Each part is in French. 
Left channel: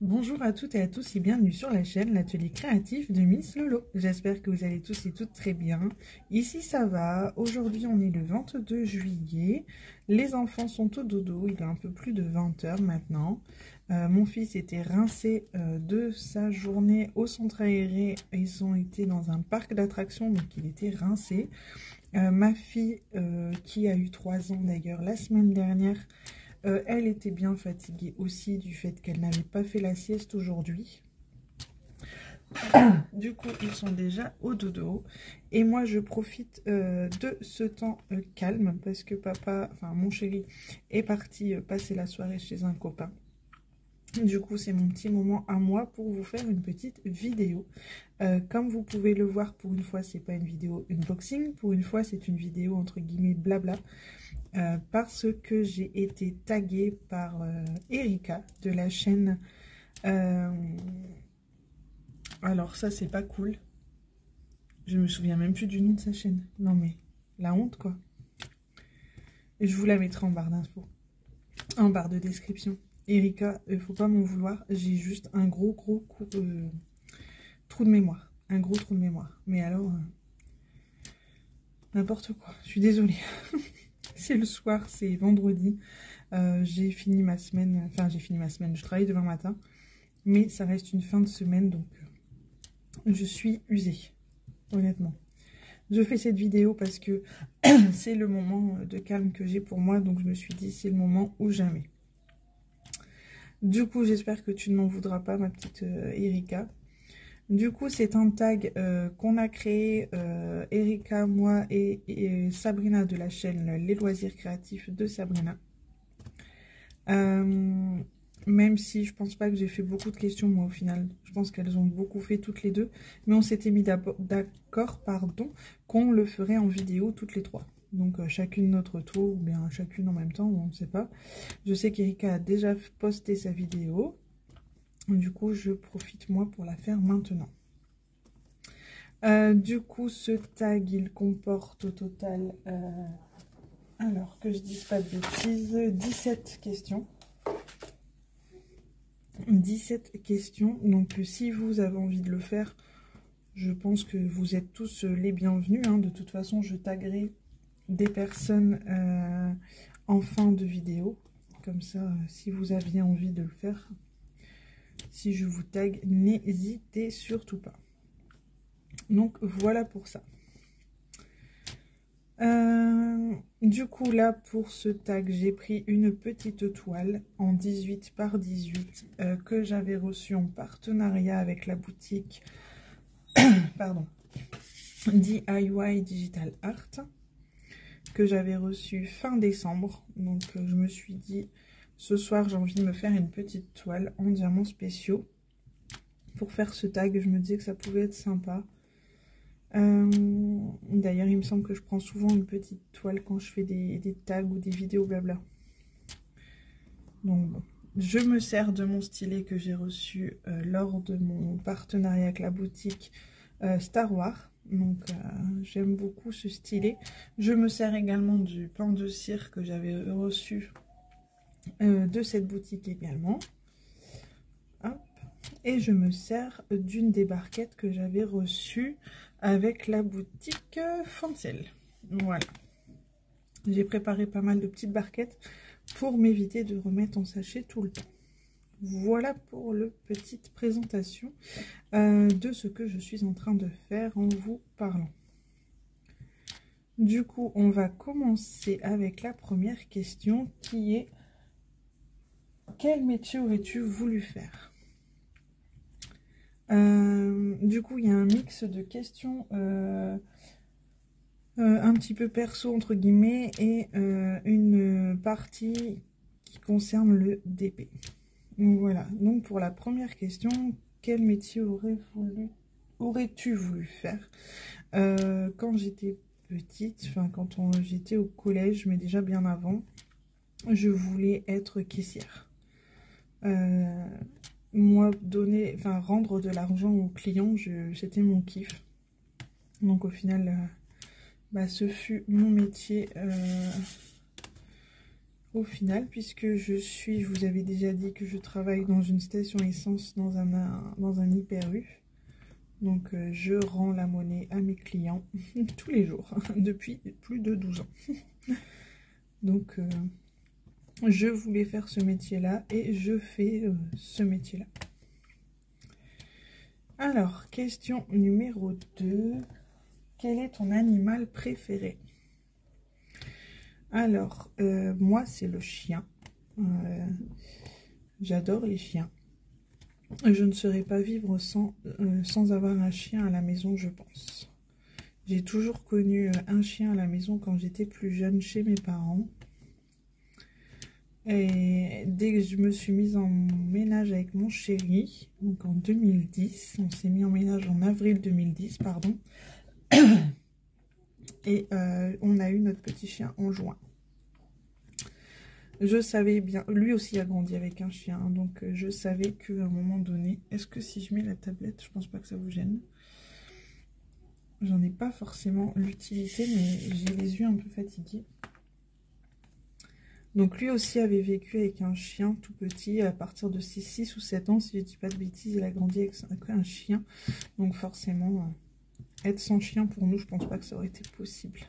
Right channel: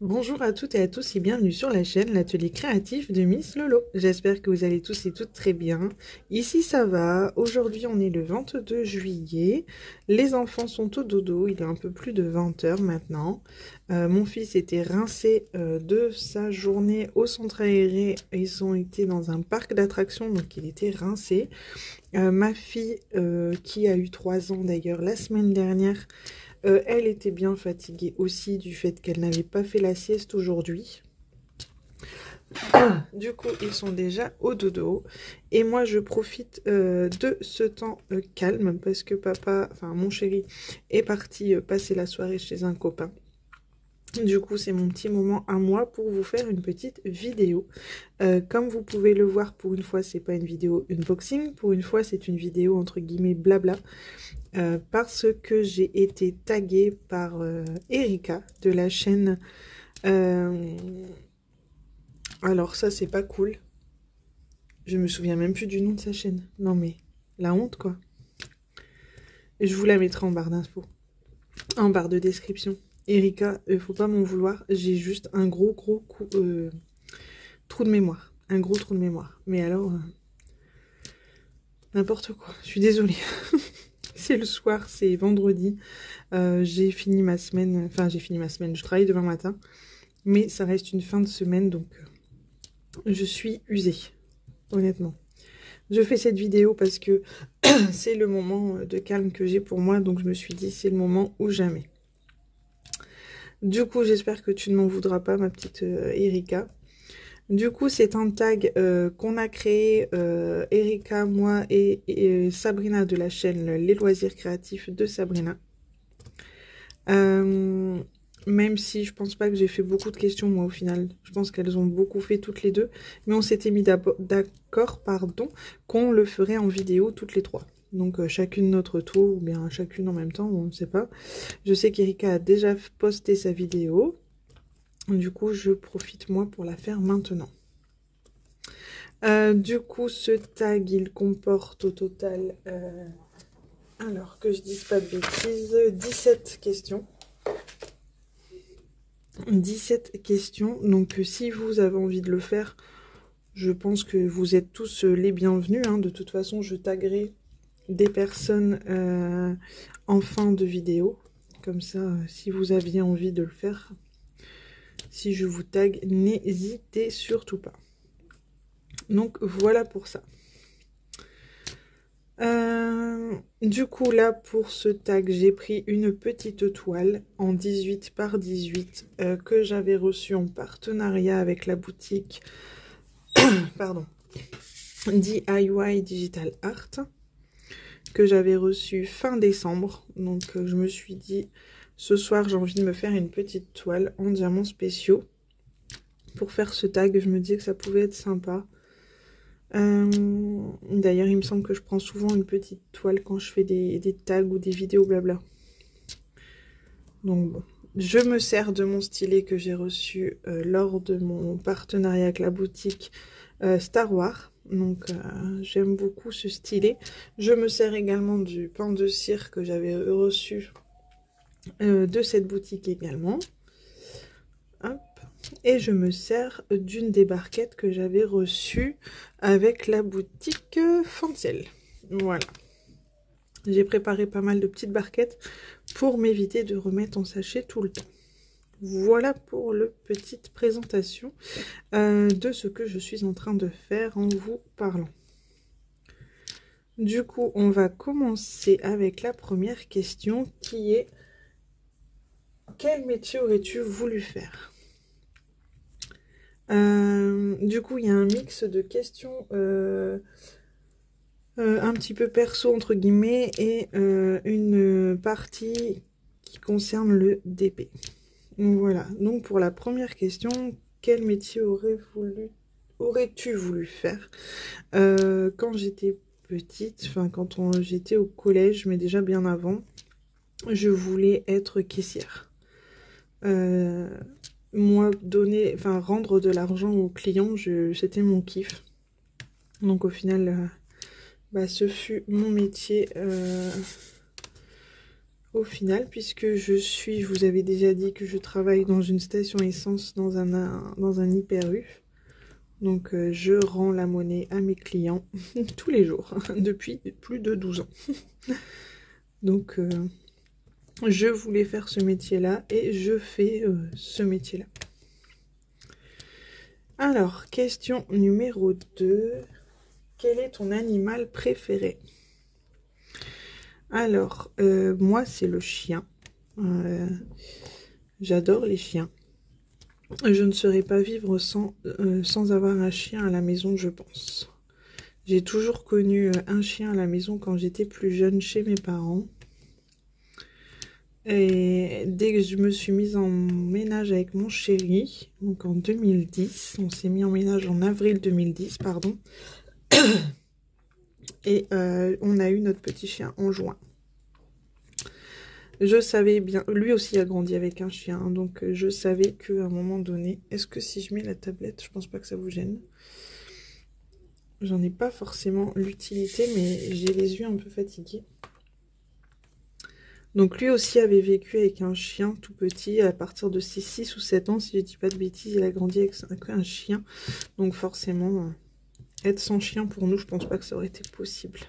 Bonjour à toutes et à tous et bienvenue sur la chaîne L'Atelier Créatif de Miss Lolo. J'espère que vous allez tous et toutes très bien. Ici ça va, aujourd'hui on est le 22 juillet, les enfants sont au dodo, il est un peu plus de 20 h maintenant. Mon fils était rincé de sa journée au centre aéré, ils ont été dans un parc d'attractions donc il était rincé. Ma fille qui a eu 3 ans d'ailleurs la semaine dernière, elle était bien fatiguée aussi du fait qu'elle n'avait pas fait la sieste aujourd'hui. Du coup, ils sont déjà au dodo. Et moi, je profite de ce temps calme parce que papa, enfin mon chéri, est parti passer la soirée chez un copain. Du coup, c'est mon petit moment à moi pour vous faire une petite vidéo. Comme vous pouvez le voir, pour une fois, c'est pas une vidéo unboxing. Pour une fois, c'est une vidéo entre guillemets blabla. Parce que j'ai été taguée par Erika de la chaîne. Alors ça, c'est pas cool. Je me souviens même plus du nom de sa chaîne. Non mais, la honte quoi. Et je vous la mettrai en barre d'infos. En barre de description. Erika, faut pas m'en vouloir. J'ai juste un gros trou de mémoire. Un gros trou de mémoire. Mais alors, n'importe quoi. Je suis désolée. C'est le soir, c'est vendredi. J'ai fini ma semaine. Enfin, j'ai fini ma semaine. Je travaille demain matin. Mais ça reste une fin de semaine, donc je suis usée. Honnêtement. Je fais cette vidéo parce que c'est le moment de calme que j'ai pour moi. Donc je me suis dit, c'est le moment ou jamais. Du coup, j'espère que tu ne m'en voudras pas, ma petite Erika. Du coup, c'est un tag qu'on a créé, Erika, moi et Sabrina de la chaîne Les Loisirs Créatifs de Sabrina. Même si je pense pas que j'ai fait beaucoup de questions, moi, au final. Je pense qu'elles ont beaucoup fait toutes les deux. Mais on s'était mis d'accord, pardon, qu'on le ferait en vidéo toutes les trois. Donc, chacune notre tour, ou bien chacune en même temps, on ne sait pas. Je sais qu'Erika a déjà posté sa vidéo. Du coup, je profite, moi, pour la faire maintenant. Du coup, ce tag, il comporte au total, alors que je dise pas de bêtises, 17 questions. 17 questions, donc si vous avez envie de le faire, je pense que vous êtes tous les bienvenus, hein. De toute façon, je taguerai des personnes en fin de vidéo, comme ça, si vous aviez envie de le faire, si je vous tag, n'hésitez surtout pas. Donc voilà pour ça. Du coup là pour ce tag j'ai pris une petite toile en 18 par 18 que j'avais reçue en partenariat avec la boutique pardon, DIY Digital Art, que j'avais reçue fin décembre. Donc je me suis dit ce soir j'ai envie de me faire une petite toile en diamants spéciaux pour faire ce tag. Je me dis que ça pouvait être sympa. D'ailleurs, il me semble que je prends souvent une petite toile quand je fais des tags ou des vidéos blabla. Donc bon, je me sers de mon stylet que j'ai reçu lors de mon partenariat avec la boutique Star Wars. Donc j'aime beaucoup ce stylet. Je me sers également du pain de cire que j'avais reçu de cette boutique également. Hop. Et je me sers d'une des barquettes que j'avais reçue avec la boutique Fanciel. Voilà. J'ai préparé pas mal de petites barquettes pour m'éviter de remettre en sachet tout le temps. Voilà pour la petite présentation de ce que je suis en train de faire en vous parlant. Du coup, on va commencer avec la première question qui est: quel métier aurais-tu voulu faire? Du coup, il y a un mix de questions un petit peu perso entre guillemets et une partie qui concerne le DP. Voilà, donc pour la première question, quel métier aurais-tu voulu faire? Quand j'étais petite, enfin quand j'étais au collège, mais déjà bien avant, je voulais être caissière. Moi, rendre de l'argent aux clients, c'était mon kiff. Donc au final, ce fut mon métier au final, puisque je vous avais déjà dit que je travaille dans une station essence dans un Hyper U. Donc je rends la monnaie à mes clients tous les jours, depuis plus de 12 ans. Donc je voulais faire ce métier-là et je fais ce métier-là. Alors, question numéro 2. Quel est ton animal préféré? Alors, moi, c'est le chien. J'adore les chiens. Je ne saurais pas vivre sans avoir un chien à la maison, je pense. J'ai toujours connu un chien à la maison quand j'étais plus jeune chez mes parents. Et dès que je me suis mise en ménage avec mon chéri, donc en 2010, on s'est mis en ménage en avril 2010, pardon. Et on a eu notre petit chien en juin. Je savais bien, lui aussi a grandi avec un chien, donc je savais qu'à un moment donné, est-ce que si je mets la tablette, je pense pas que ça vous gêne. J'en ai pas forcément l'utilité, mais j'ai les yeux un peu fatigués. Donc lui aussi avait vécu avec un chien tout petit à partir de 6 ou 7 ans, si je dis pas de bêtises, il a grandi avec un chien. Donc forcément, être sans chien pour nous, je pense pas que ça aurait été possible.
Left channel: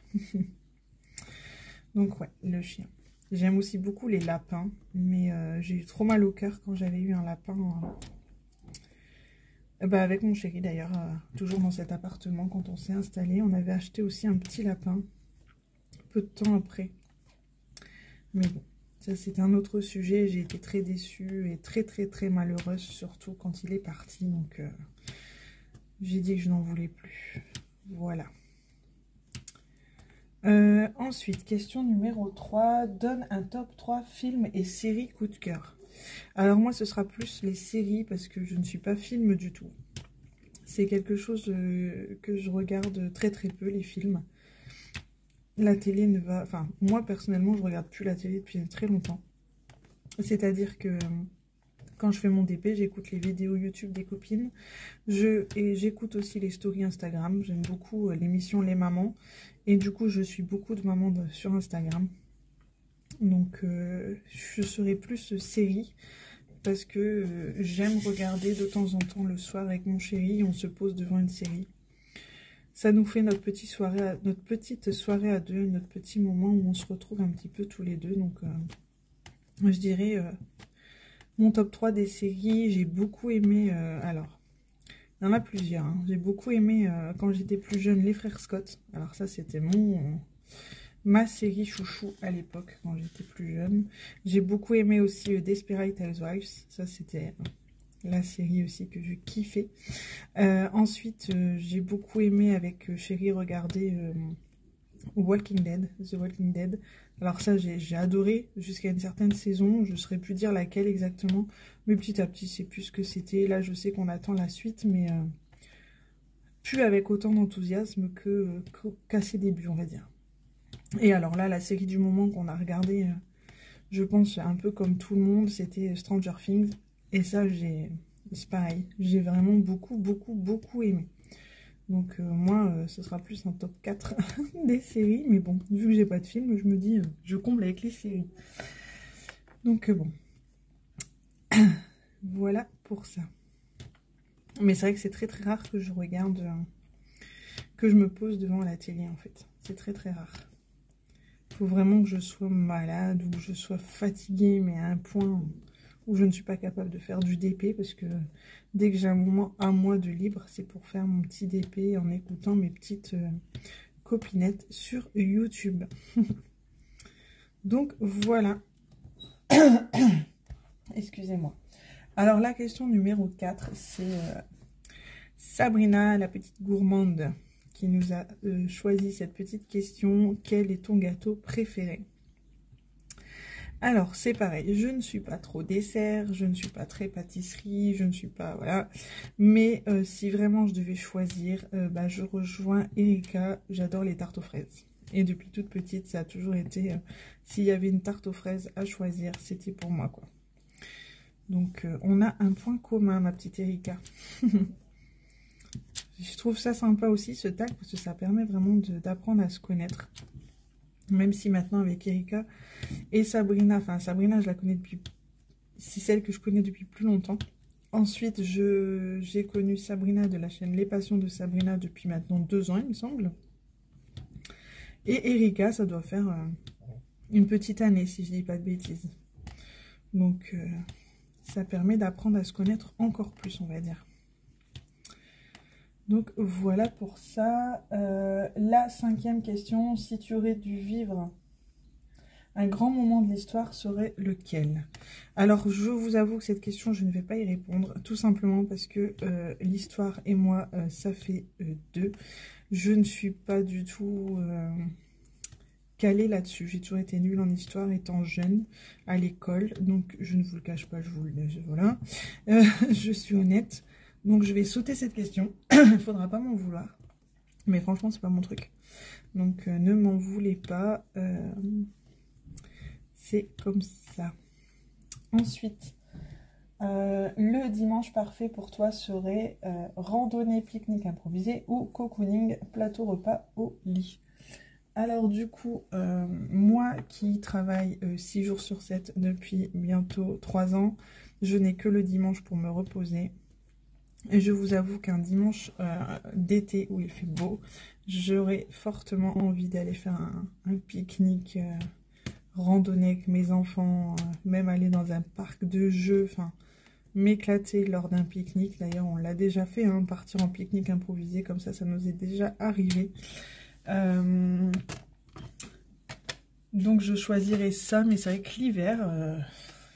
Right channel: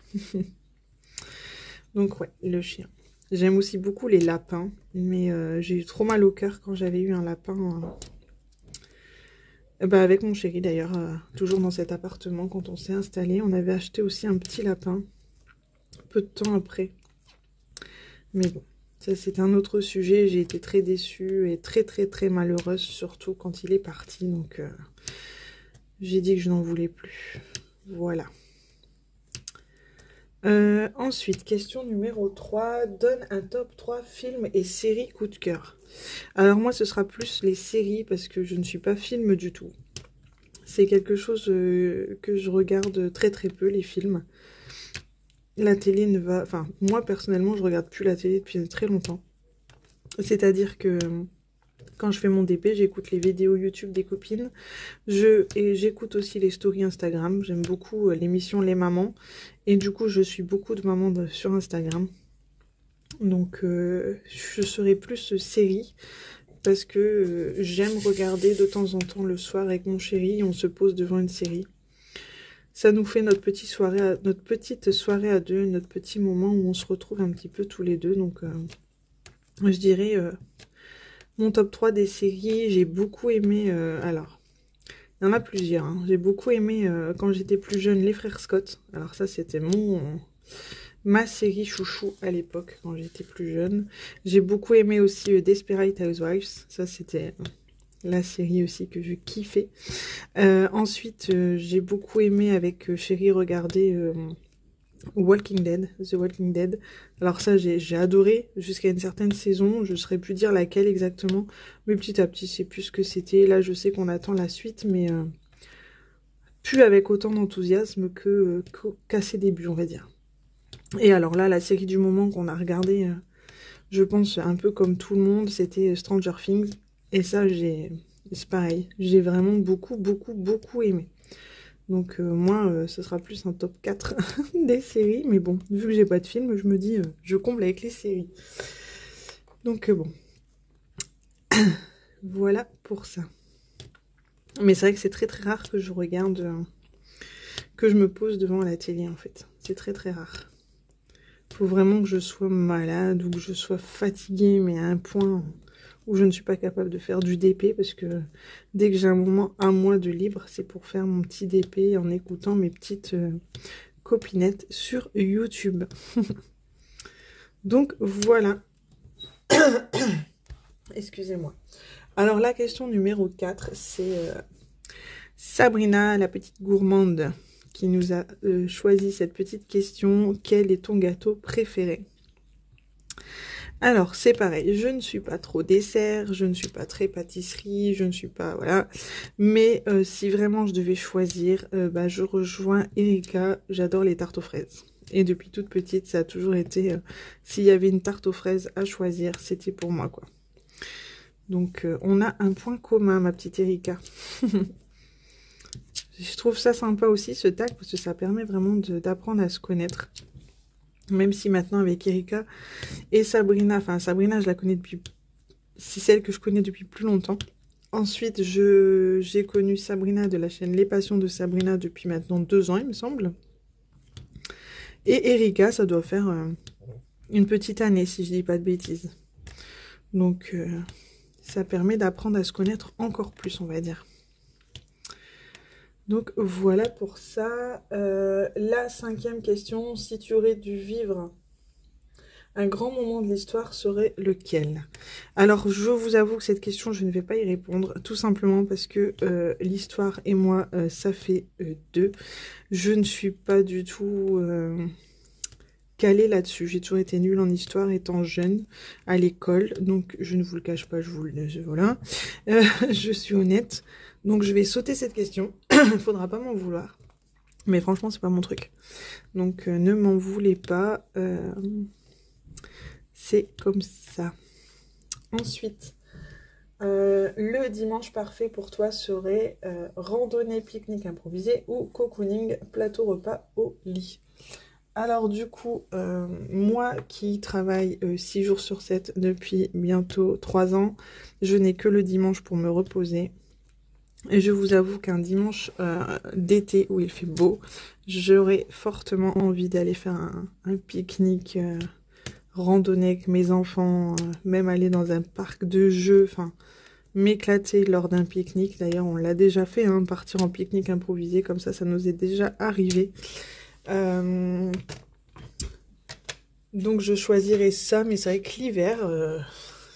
Donc ouais, le chien. J'aime aussi beaucoup les lapins, mais j'ai eu trop mal au cœur quand j'avais eu un lapin. Bah avec mon chéri d'ailleurs, toujours dans cet appartement, quand on s'est installé, on avait acheté aussi un petit lapin, peu de temps après. Mais bon, ça c'est un autre sujet, j'ai été très déçue et très malheureuse, surtout quand il est parti, donc j'ai dit que je n'en voulais plus. Voilà. Ensuite, question numéro 3, donne un top 3 films et séries coup de cœur. Alors moi ce sera plus les séries parce que je ne suis pas film du tout. C'est quelque chose que je regarde très peu, les films. La télé ne va... Enfin, moi personnellement je regarde plus la télé depuis très longtemps. C'est-à-dire que quand je fais mon DP, j'écoute les vidéos YouTube des copines. Et j'écoute aussi les stories Instagram. J'aime beaucoup l'émission Les Mamans. Et du coup, je suis beaucoup de mamans sur Instagram. Donc, je serai plus série. Parce que j'aime regarder de temps en temps le soir avec mon chéri. On se pose devant une série. Ça nous fait notre petite soirée à deux. Notre petit moment où on se retrouve un petit peu tous les deux. Donc, je dirais... mon top 3 des séries, j'ai beaucoup aimé... alors, il y en a plusieurs. Hein. J'ai beaucoup aimé, quand j'étais plus jeune, Les Frères Scott. Alors ça, c'était ma série chouchou à l'époque, quand j'étais plus jeune. J'ai beaucoup aimé aussi Desperate Housewives. Ça, c'était la série aussi que je kiffais. Ensuite, j'ai beaucoup aimé avec chéri regarder... Walking Dead, The Walking Dead. Alors ça, j'ai adoré jusqu'à une certaine saison. Je ne saurais plus dire laquelle exactement. Mais petit à petit, c'est plus ce que c'était. Là, je sais qu'on attend la suite, mais plus avec autant d'enthousiasme qu'à ses débuts, on va dire. Et alors là, la série du moment qu'on a regardée, je pense un peu comme tout le monde, c'était Stranger Things. Et ça, c'est pareil. J'ai vraiment beaucoup aimé. Donc moi, ce sera plus un top 4 des séries. Mais bon, vu que j'ai pas de film, je me dis, je comble avec les séries. Donc bon. Voilà pour ça. Mais c'est vrai que c'est très rare que je regarde, que je me pose devant la télé en fait. C'est très rare. Il faut vraiment que je sois malade ou que je sois fatiguée, mais à un point... où je ne suis pas capable de faire du DP, parce que dès que j'ai un mois de libre, c'est pour faire mon petit DP en écoutant mes petites copinettes sur YouTube. Donc voilà. Excusez-moi. Alors la question numéro 4, c'est Sabrina, la petite gourmande, qui nous a choisi cette petite question. Quel est ton gâteau préféré ? Alors, c'est pareil, je ne suis pas trop dessert, je ne suis pas très pâtisserie, je ne suis pas... Voilà. Mais si vraiment je devais choisir, je rejoins Erika, j'adore les tartes aux fraises. Et depuis toute petite, ça a toujours été... s'il y avait une tarte aux fraises à choisir, c'était pour moi, quoi. Donc, on a un point commun, ma petite Erika. Je trouve ça sympa aussi, ce tag, parce que ça permet vraiment d'apprendre à se connaître. Même si maintenant avec Erika et Sabrina, enfin Sabrina je la connais depuis, c'est celle que je connais depuis plus longtemps. Ensuite j'ai connu Sabrina de la chaîne Les Passions de Sabrina depuis maintenant 2 ans il me semble. Et Erika ça doit faire une petite année si je dis pas de bêtises. Donc ça permet d'apprendre à se connaître encore plus on va dire. Donc voilà pour ça. La 5e question, si tu aurais dû vivre un grand moment de l'histoire, serait lequel? Alors je vous avoue que cette question, je ne vais pas y répondre, tout simplement parce que l'histoire et moi, ça fait 2. Je ne suis pas du tout calée là-dessus. J'ai toujours été nulle en histoire étant jeune à l'école, donc je ne vous le cache pas, voilà. Je suis honnête. Donc je vais sauter cette question, il ne faudra pas m'en vouloir. Mais franchement, c'est pas mon truc. Donc ne m'en voulez pas. C'est comme ça. Ensuite, le dimanche parfait pour toi serait randonnée, pique-nique improvisé ou cocooning, plateau repas au lit. Alors du coup, moi qui travaille 6 jours sur 7 depuis bientôt 3 ans, je n'ai que le dimanche pour me reposer. Et je vous avoue qu'un dimanche d'été où il fait beau, j'aurais fortement envie d'aller faire un pique-nique, randonnée avec mes enfants, même aller dans un parc de jeux, enfin m'éclater lors d'un pique-nique. D'ailleurs, on l'a déjà fait, hein, partir en pique-nique improvisé, comme ça nous est déjà arrivé. Donc je choisirais ça, mais c'est vrai que l'hiver,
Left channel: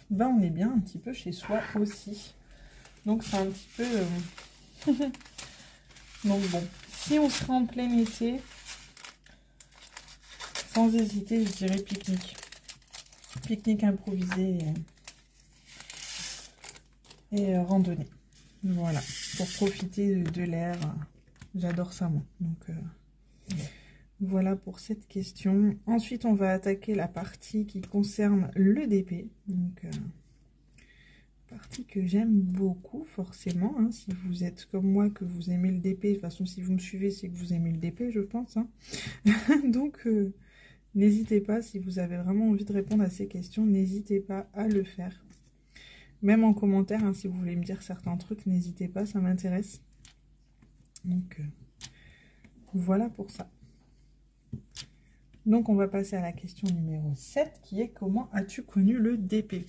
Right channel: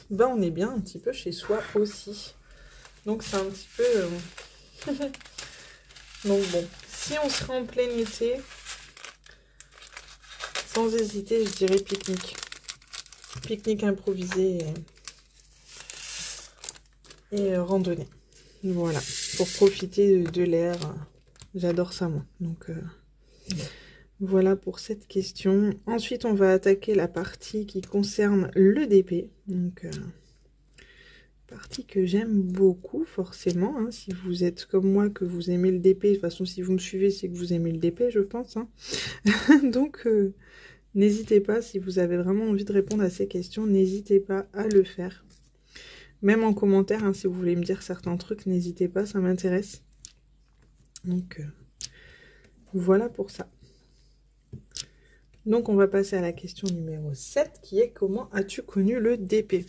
ben on est bien un petit peu chez soi aussi. Donc c'est un petit peu... Donc bon, si on serait en plein été, sans hésiter, je dirais pique-nique. Pique-nique improvisé et randonnée. Voilà, pour profiter de l'air. J'adore ça moi. Donc voilà pour cette question. Ensuite, on va attaquer la partie qui concerne le DP. Donc... partie que j'aime beaucoup forcément, hein, si vous êtes comme moi que vous aimez le DP, de toute façon si vous me suivez c'est que vous aimez le DP je pense, hein. Donc n'hésitez pas, si vous avez vraiment envie de répondre à ces questions, n'hésitez pas à le faire, même en commentaire, hein, si vous voulez me dire certains trucs, n'hésitez pas, ça m'intéresse. Donc voilà pour ça. Donc on va passer à la question numéro 7 qui est: comment as-tu connu le DP?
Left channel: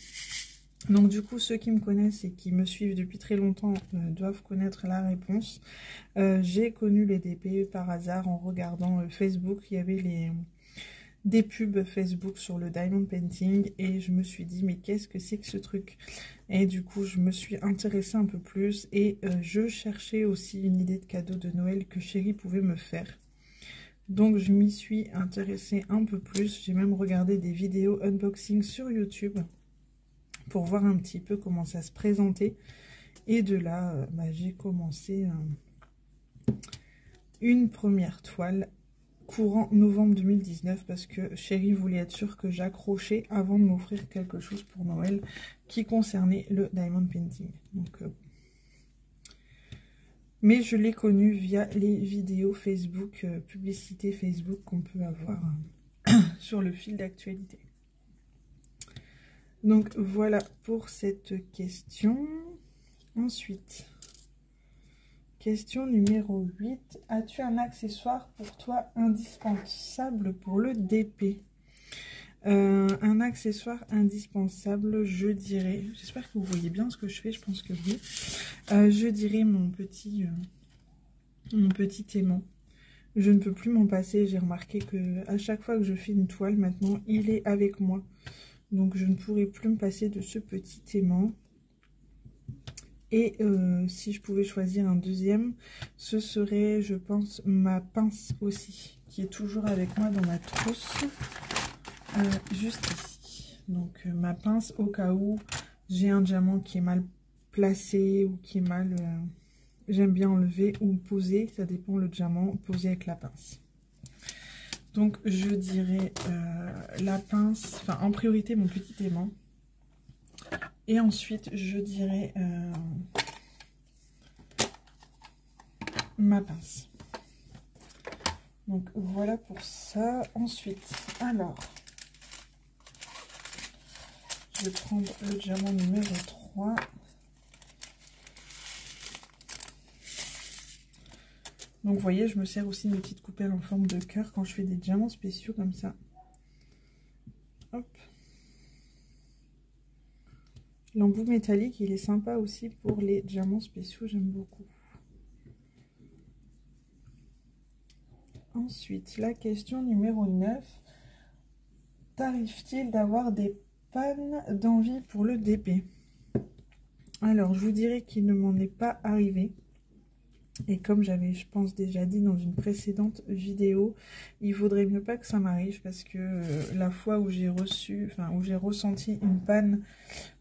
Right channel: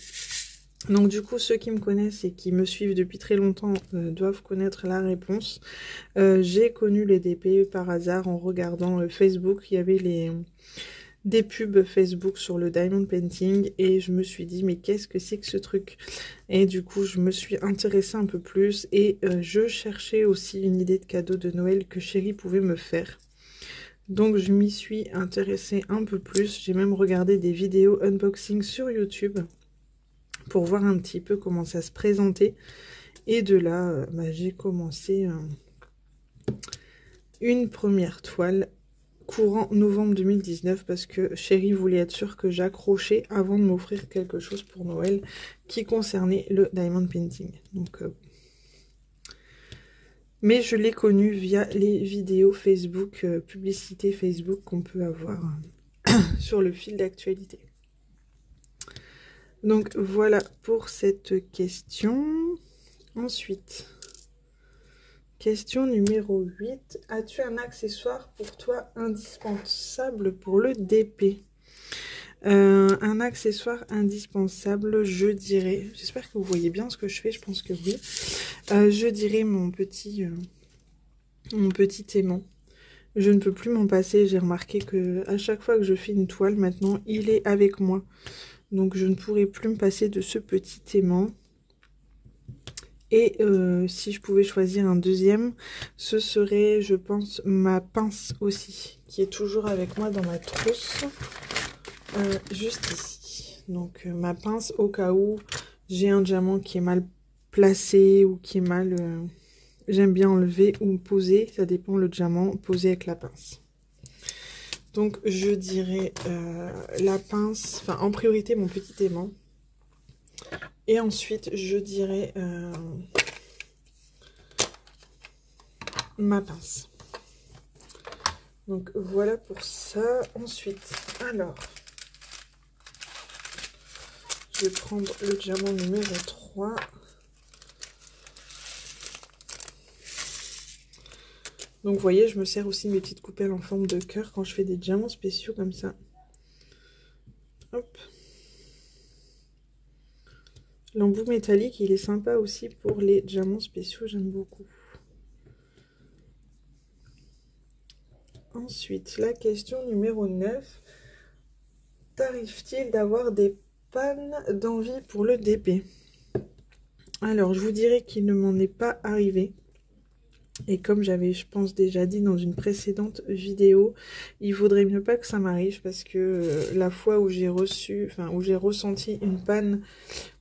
Donc du coup, ceux qui me connaissent et qui me suivent depuis très longtemps doivent connaître la réponse. J'ai connu les DP par hasard en regardant Facebook. Il y avait des pubs Facebook sur le diamond painting et je me suis dit mais qu'est-ce que c'est que ce truc? Et du coup, je me suis intéressée un peu plus et je cherchais aussi une idée de cadeau de Noël que Chérie pouvait me faire. Donc je m'y suis intéressée un peu plus. J'ai même regardé des vidéos unboxing sur YouTube pour voir un petit peu comment ça se présentait. Et de là, j'ai commencé une première toile courant novembre 2019 parce que Chérie voulait être sûre que j'accrochais avant de m'offrir quelque chose pour Noël qui concernait le diamond painting. Donc, mais je l'ai connu via les vidéos Facebook, publicité Facebook qu'on peut avoir sur le fil d'actualité. Donc voilà pour cette question. Ensuite, question numéro 8. As-tu un accessoire pour toi indispensable pour le DP? Un accessoire indispensable, je dirais... J'espère que vous voyez bien ce que je fais, je pense que oui. Je dirais mon petit aimant. Je ne peux plus m'en passer. J'ai remarqué que à chaque fois que je fais une toile, maintenant, il est avec moi. Donc je ne pourrai plus me passer de ce petit aimant. Et si je pouvais choisir un deuxième, ce serait, je pense, ma pince aussi, qui est toujours avec moi dans ma trousse, juste ici. Donc ma pince au cas où j'ai un diamant qui est mal placé ou qui est mal... j'aime bien enlever ou poser, ça dépend le diamant, poser avec la pince. Donc je dirais la pince, enfin en priorité mon petit aimant. Et ensuite je dirais ma pince. Donc voilà pour ça. Ensuite, alors, je vais prendre le diamant numéro 3. Donc vous voyez, je me sers aussi de mes petites coupelles en forme de cœur quand je fais des diamants spéciaux comme ça. Hop. L'embout métallique, il est sympa aussi pour les diamants spéciaux, j'aime beaucoup. Ensuite, la question numéro 9. T'arrive-t-il d'avoir des pannes d'envie pour le DP? Alors, je vous dirais qu'il ne m'en est pas arrivé. Et comme j'avais, je pense, déjà dit dans une précédente vidéo, il vaudrait mieux pas que ça m'arrive parce que la fois où j'ai ressenti une panne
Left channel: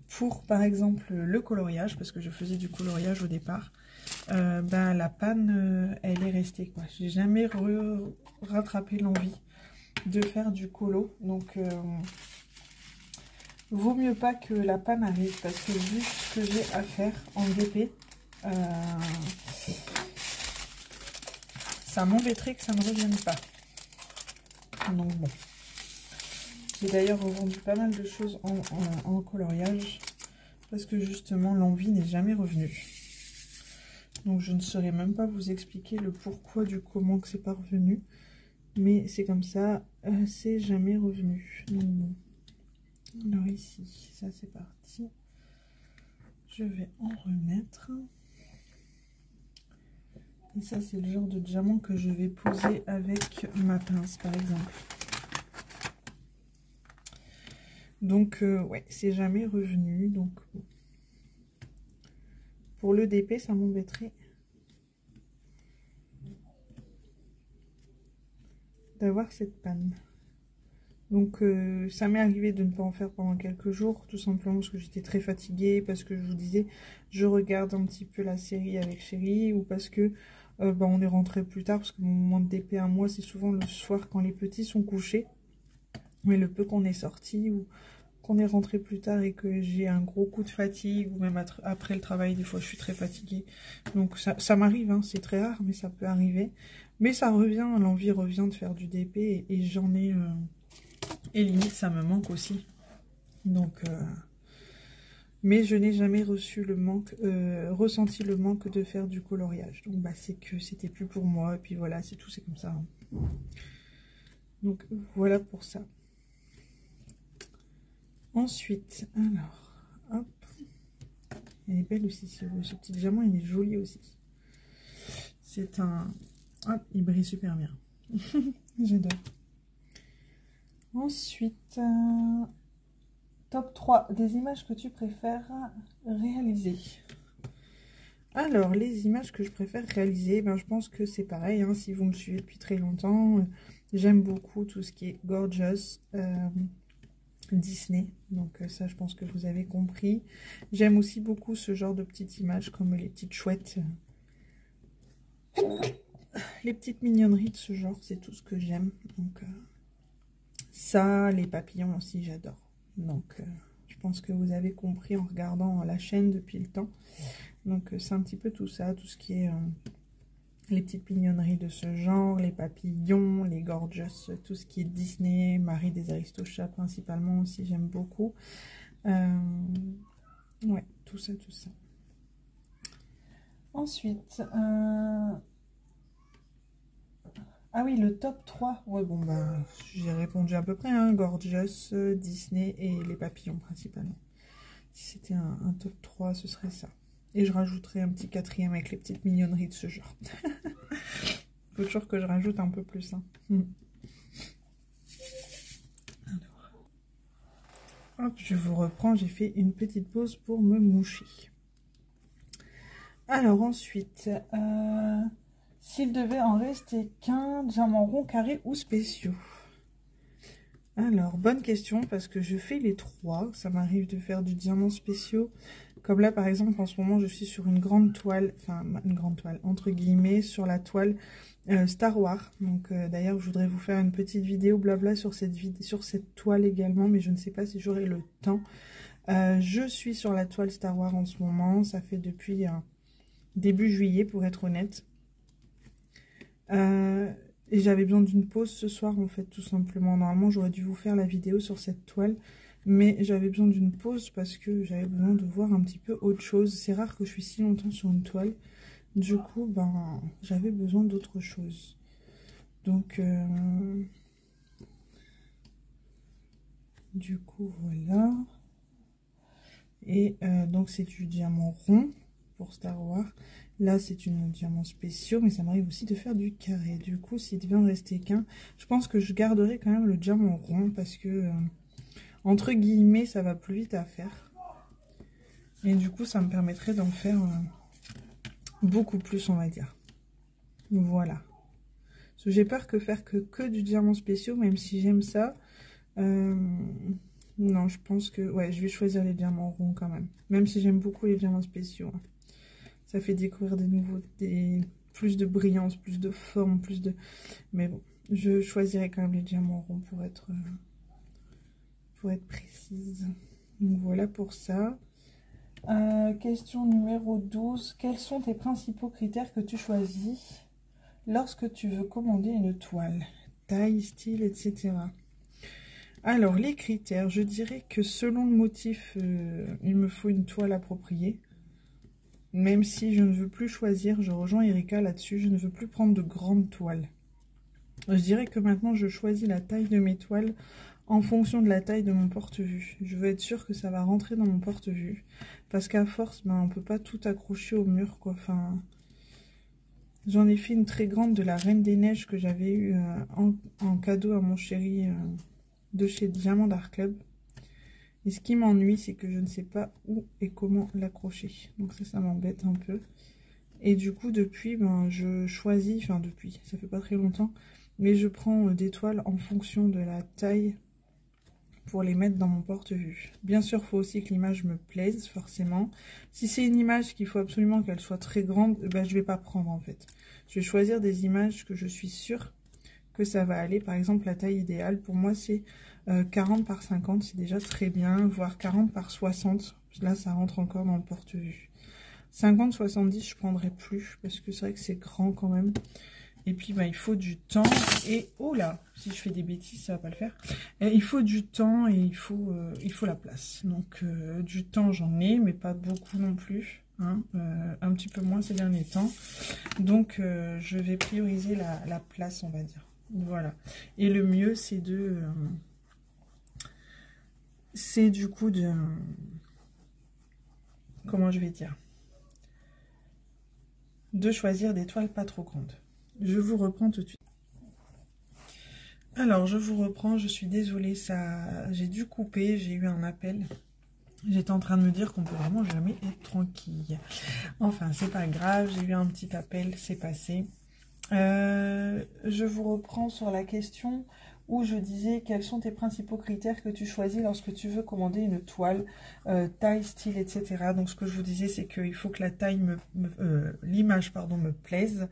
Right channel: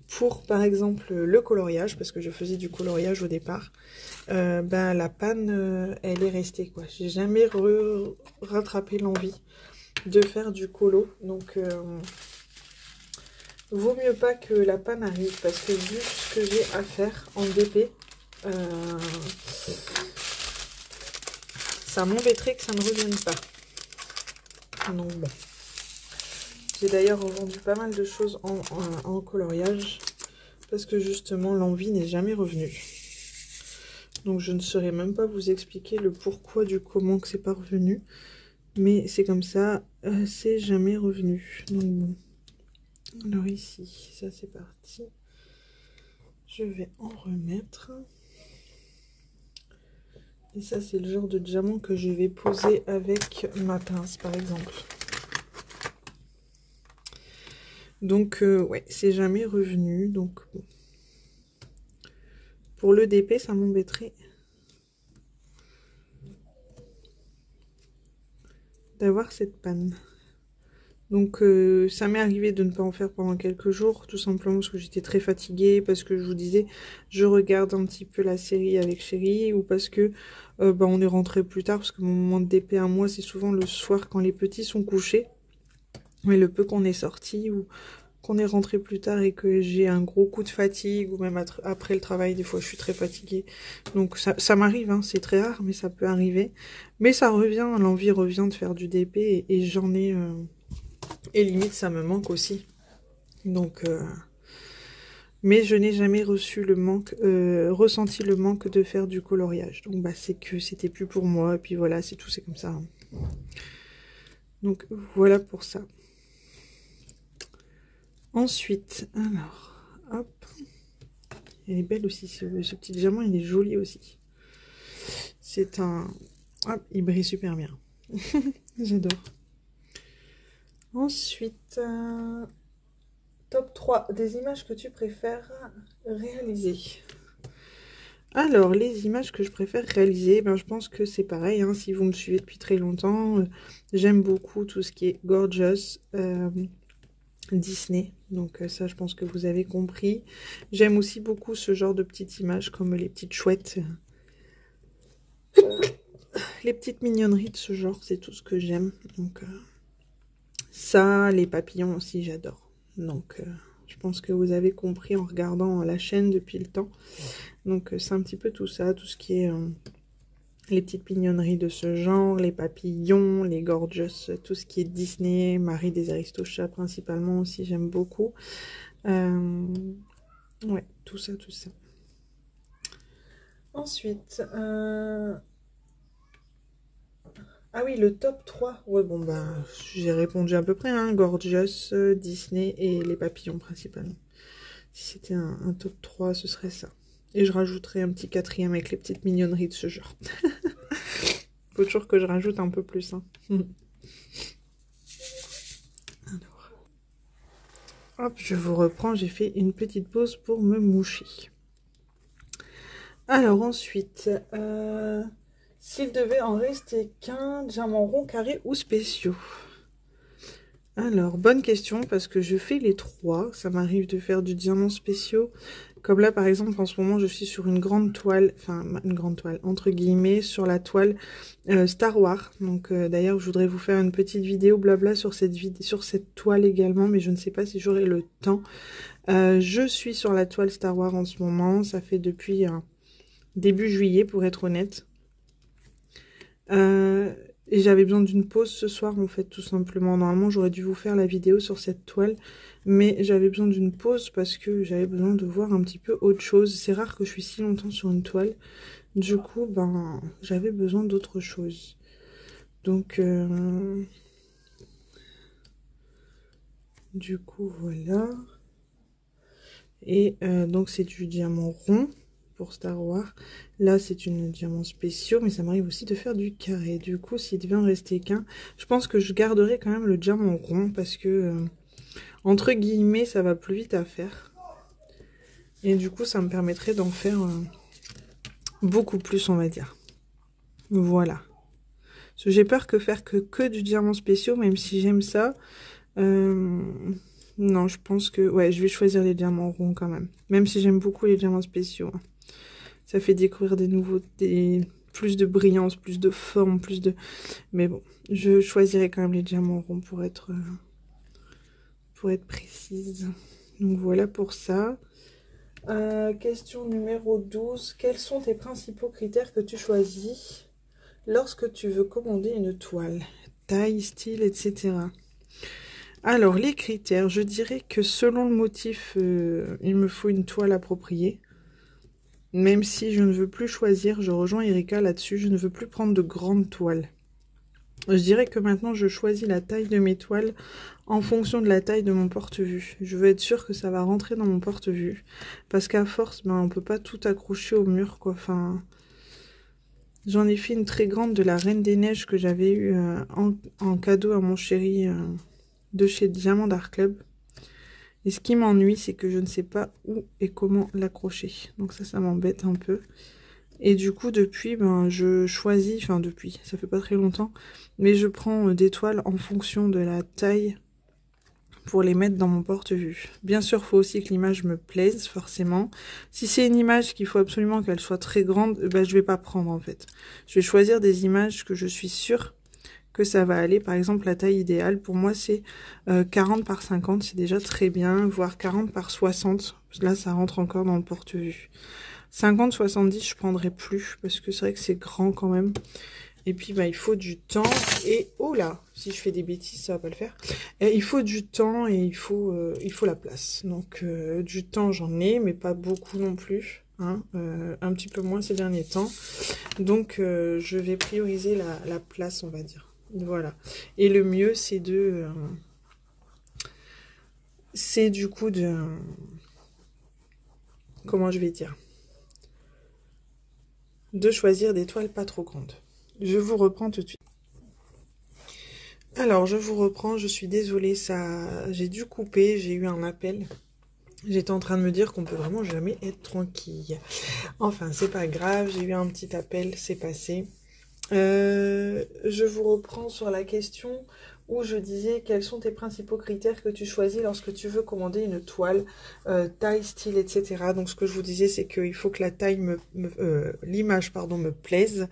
pour, par exemple, le coloriage, parce que je faisais du coloriage au départ, ben, la panne, elle est restée, quoi. J'ai jamais rattrapé l'envie de faire du colo, donc vaut mieux pas que la panne arrive parce que vu ce que j'ai à faire en DP, ça m'embêterait que ça ne revienne pas. Donc bon. J'ai d'ailleurs revendu pas mal de choses en coloriage parce que justement l'envie n'est jamais revenue. Donc je ne saurais même pas vous expliquer le pourquoi du comment que c'est pas revenu. Mais c'est comme ça, c'est jamais revenu. Donc bon. Alors ici, ça c'est parti. Je vais en remettre. Et ça, c'est le genre de diamant que je vais poser avec ma pince, par exemple. Donc, ouais, c'est jamais revenu. Donc, bon. Pour le DP, ça m'embêterait d'avoir cette panne. Donc, ça m'est arrivé de ne pas en faire pendant quelques jours, tout simplement parce que j'étais très fatiguée, parce que je vous disais, je regarde un petit peu la série avec Chérie, ou parce que bah, on est rentré plus tard, parce que mon moment de DP à moi, c'est souvent le soir quand les petits sont couchés. Mais le peu qu'on est sorti ou qu'on est rentré plus tard et que j'ai un gros coup de fatigue, ou même après le travail, des fois je suis très fatiguée. Donc ça m'arrive, hein, c'est très rare, mais ça peut arriver. Mais ça revient, l'envie revient de faire du DP et j'en ai... et limite, ça me manque aussi. Donc... mais je n'ai jamais ressenti le manque de faire du coloriage. Donc bah, c'est que c'était plus pour moi. Et puis voilà, c'est tout, c'est comme ça. Hein. Donc voilà pour ça. Ensuite, alors, hop. Elle est belle aussi, ce petit diamant, il est joli aussi. C'est un... Hop, il brille super bien. J'adore. Ensuite... Top 3 des images que tu préfères réaliser. Alors, les images que je préfère réaliser, ben, je pense que c'est pareil, hein, si vous me suivez depuis très longtemps, j'aime beaucoup tout ce qui est gorgeous, Disney, donc ça je pense que vous avez compris. J'aime aussi beaucoup ce genre de petites images comme les petites chouettes, les petites mignonneries de ce genre, c'est tout ce que j'aime. Donc ça, les papillons aussi j'adore. Donc je pense que vous avez compris en regardant la chaîne depuis le temps. Donc c'est un petit peu tout ça, tout ce qui est les petites mignonneries de ce genre, les papillons, les gorgeous, tout ce qui est Disney, Marie des Aristochats principalement aussi, j'aime beaucoup. Ouais, tout ça, tout ça. Ensuite, ah oui, le top 3. Ouais, bon, bah, j'ai répondu à peu près, hein, gorgeous, Disney et les papillons principalement. Si c'était un top 3, ce serait ça. Et je rajouterai un petit 4e avec les petites mignonneries de ce genre. Faut toujours que je rajoute un peu plus. Hein. Alors, hop, je vous reprends. J'ai fait une petite pause pour me moucher. Alors ensuite, s'il devait en rester qu'un, diamant rond, carré ou spéciaux? Alors, bonne question, parce que je fais les trois. Ça m'arrive de faire du diamant spéciaux. Comme là, par exemple, en ce moment, je suis sur une grande toile, enfin, une grande toile, entre guillemets, sur la toile Star Wars. Donc, d'ailleurs, je voudrais vous faire une petite vidéo blabla sur cette toile également, mais je ne sais pas si j'aurai le temps. Je suis sur la toile Star Wars en ce moment. Ça fait depuis début juillet, pour être honnête. Et j'avais besoin d'une pause ce soir, en fait, tout simplement. Normalement, j'aurais dû vous faire la vidéo sur cette toile. Mais j'avais besoin d'une pause parce que j'avais besoin de voir un petit peu autre chose. C'est rare que je suis si longtemps sur une toile. Du coup, ben, j'avais besoin d'autre chose. Donc, du coup, voilà. Et donc, c'est du diamant rond pour Star Wars. Là, c'est une diamant spéciaux, mais ça m'arrive aussi de faire du carré. Du coup, s'il devait en rester qu'un, je pense que je garderai quand même le diamant rond parce que, entre guillemets, ça va plus vite à faire. Et du coup, ça me permettrait d'en faire beaucoup plus, on va dire. Voilà. Parce que j'ai peur que faire que du diamant spéciaux, même si j'aime ça. Non, je pense que... Ouais, je vais choisir les diamants ronds quand même. Même si j'aime beaucoup les diamants spéciaux. Ça fait découvrir des nouveautés, plus de brillance, plus de forme, plus de... Mais bon, je choisirai quand même les diamants ronds pour être précise. Donc voilà pour ça. Question numéro 12. Quels sont tes principaux critères que tu choisis lorsque tu veux commander une toile? Taille, style, etc. Alors, les critères, je dirais que selon le motif, il me faut une toile appropriée. Même si je ne veux plus choisir, je rejoins Erika là-dessus, je ne veux plus prendre de grandes toiles. Je dirais que maintenant, je choisis la taille de mes toiles en fonction de la taille de mon porte-vue. Je veux être sûre que ça va rentrer dans mon porte-vue. Parce qu'à force, ben, on ne peut pas tout accrocher au mur, quoi. Enfin, j'en ai fait une très grande de la Reine des Neiges que j'avais eue en cadeau à mon chéri de chez Diamant Art Club. Et ce qui m'ennuie, c'est que je ne sais pas où et comment l'accrocher. Donc ça m'embête un peu. Et du coup, depuis, ben, je choisis, enfin depuis, ça fait pas très longtemps, mais je prends des toiles en fonction de la taille pour les mettre dans mon porte-vue. Bien sûr, il faut aussi que l'image me plaise, forcément. Si c'est une image qu'il faut absolument qu'elle soit très grande, ben, je vais pas prendre en fait. Je vais choisir des images que je suis sûre que ça va aller. Par exemple, la taille idéale, pour moi, c'est 40 par 50, c'est déjà très bien, voire 40 par 60. Là, ça rentre encore dans le porte-vue. 50-70, je prendrai plus, parce que c'est vrai que c'est grand quand même. Et puis, bah, il faut du temps. Et, oh là, si je fais des bêtises, ça va pas le faire. Et il faut du temps et il faut la place. Donc, du temps, j'en ai, mais pas beaucoup non plus. Hein, un petit peu moins ces derniers temps. Donc, je vais prioriser la place, on va dire. Voilà. Et le mieux, c'est de... c'est du coup de... comment je vais dire? De choisir des toiles pas trop grandes. Je vous reprends tout de suite. Alors, je vous reprends. Je suis désolée, j'ai dû couper. J'ai eu un appel. J'étais en train de me dire qu'on peut vraiment jamais être tranquille. Enfin, c'est pas grave. J'ai eu un petit appel. C'est passé. Je vous reprends sur la question où je disais quels sont tes principaux critères que tu choisis lorsque tu veux commander une toile, taille, style, etc. Donc ce que je vous disais, c'est qu'il faut que la taille l'image me plaise,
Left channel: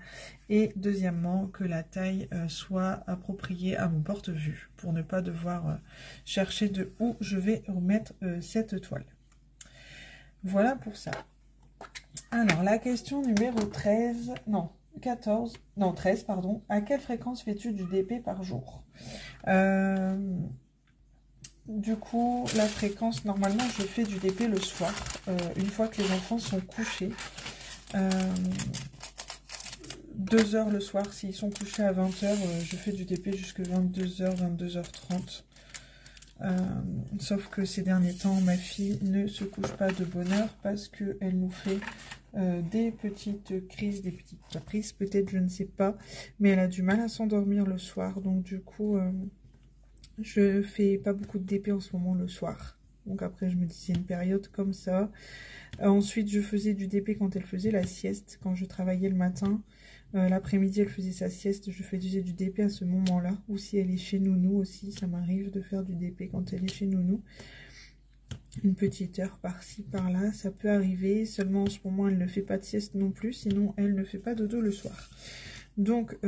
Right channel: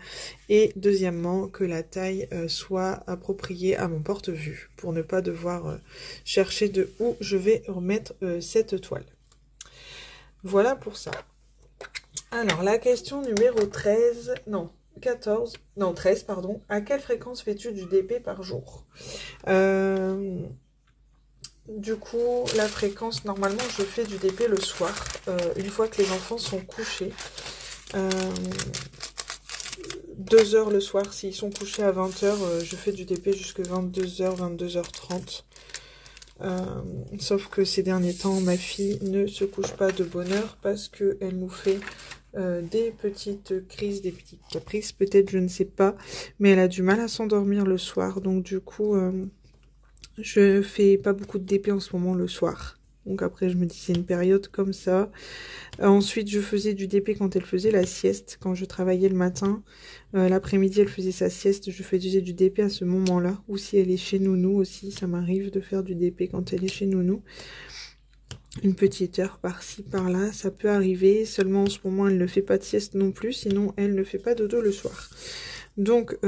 et deuxièmement que la taille soit appropriée à mon porte-vue pour ne pas devoir chercher de où je vais remettre cette toile. Voilà pour ça. Alors la question numéro 13, non 14, non 13 pardon, à quelle fréquence fais-tu du DP par jour? Du coup, la fréquence, normalement je fais du DP le soir, une fois que les enfants sont couchés. 2 heures le soir, s'ils sont couchés à 20 h, je fais du DP jusqu'à 22 h, 22 h 30. Sauf que ces derniers temps, ma fille ne se couche pas de bonne heure parce qu'elle nous fait des petites crises, des petits caprices, peut-être, je ne sais pas. Mais elle a du mal à s'endormir le soir. Donc du coup, je fais pas beaucoup de DP en ce moment le soir. Donc après, je me dis c'est une période comme ça. Ensuite, je faisais du DP quand elle faisait la sieste, quand je travaillais le matin. L'après-midi, elle faisait sa sieste, je faisais du DP à ce moment-là. Ou si elle est chez Nounou aussi, ça m'arrive de faire du DP quand elle est chez Nounou. Une petite heure par-ci, par-là, ça peut arriver. Seulement, en ce moment, elle ne fait pas de sieste non plus, sinon, elle ne fait pas dodo le soir. Donc,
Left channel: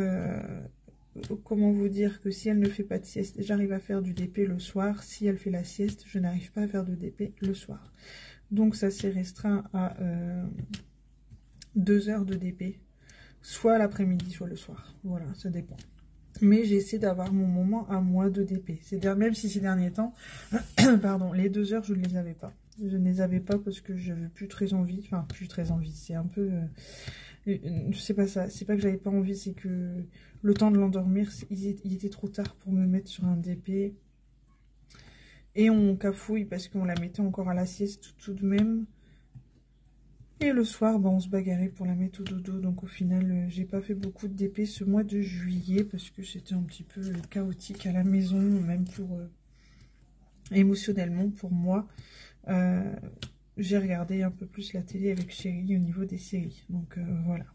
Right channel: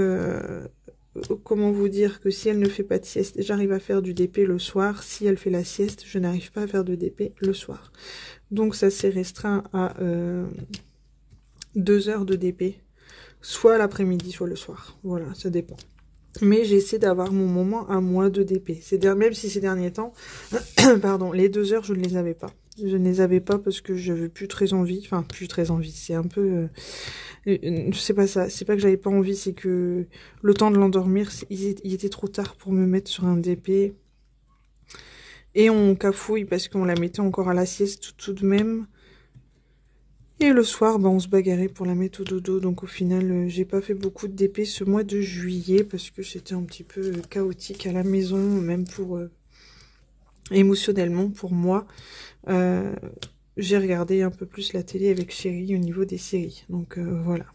comment vous dire que si elle ne fait pas de sieste, j'arrive à faire du DP le soir. Si elle fait la sieste, je n'arrive pas à faire de DP le soir. Donc, ça s'est restreint à 2 heures de DP. Soit l'après-midi, soit le soir. Voilà, ça dépend. Mais j'essaie d'avoir mon moment à moi de DP. Même si ces derniers temps, pardon, les 2 heures, je ne les avais pas. Je ne les avais pas parce que j'avais plus très envie. Enfin, plus très envie. C'est un peu... c'est pas ça. C'est pas que j'avais pas envie, c'est que le temps de l'endormir, il était trop tard pour me mettre sur un DP. Et on cafouille parce qu'on la mettait encore à la sieste tout de même. Et le soir, bah, on se bagarrait pour la mettre au dodo. Donc au final, j'ai pas fait beaucoup de DP ce mois de juillet parce que c'était un petit peu chaotique à la maison, même pour émotionnellement pour moi. J'ai regardé un peu plus la télé avec chérie au niveau des séries. Donc voilà,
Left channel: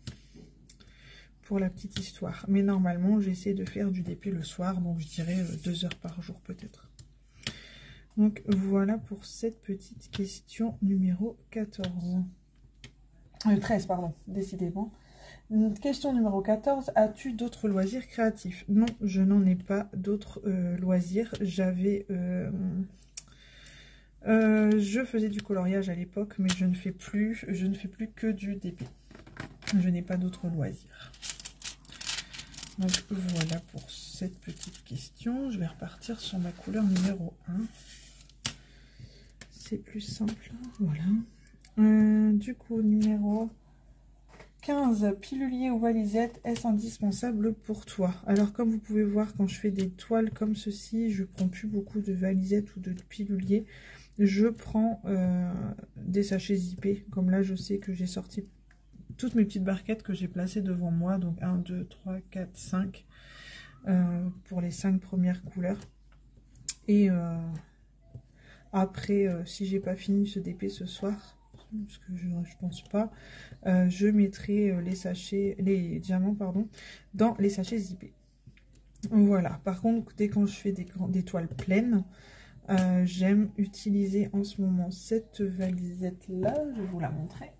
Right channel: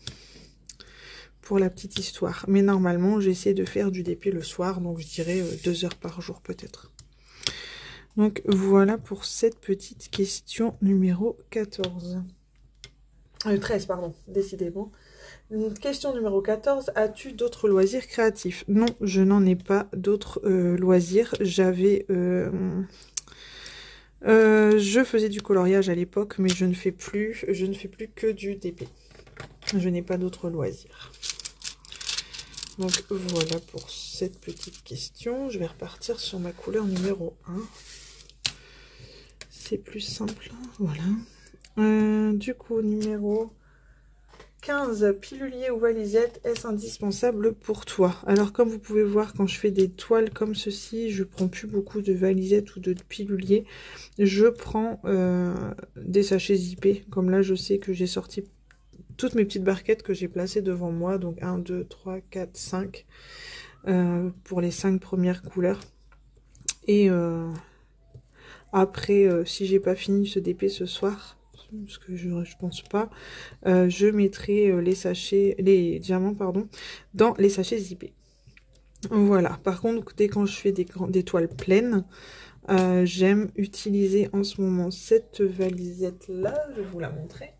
pour la petite histoire. Mais normalement, j'essaie de faire du DP le soir, donc je dirais 2 heures par jour peut-être. Donc voilà pour cette petite question numéro 14. 13, pardon, décidément. Question numéro 14. As-tu d'autres loisirs créatifs? Non, je n'en ai pas d'autres loisirs. J'avais... je faisais du coloriage à l'époque, mais je ne fais plus que du DP. Je n'ai pas d'autres loisirs. Donc voilà pour cette petite question. Je vais repartir sur ma couleur numéro 1. C'est plus simple. Voilà. Du coup, numéro 15, pilulier ou valisette, est-ce indispensable pour toi? Alors, comme vous pouvez voir, quand je fais des toiles comme ceci, je prends plus beaucoup de valisettes ou de pilulier. Je prends des sachets zippés. Comme là, je sais que j'ai sorti toutes mes petites barquettes que j'ai placées devant moi. Donc, 1, 2, 3, 4, 5 pour les 5 premières couleurs. Et après, si j'ai pas fini ce DP ce soir, parce que je pense pas, je mettrai les diamants, pardon, dans les sachets zippés. Voilà. Par contre, dès quand je fais des toiles pleines, j'aime utiliser en ce moment cette valisette-là, je vais vous la montrer,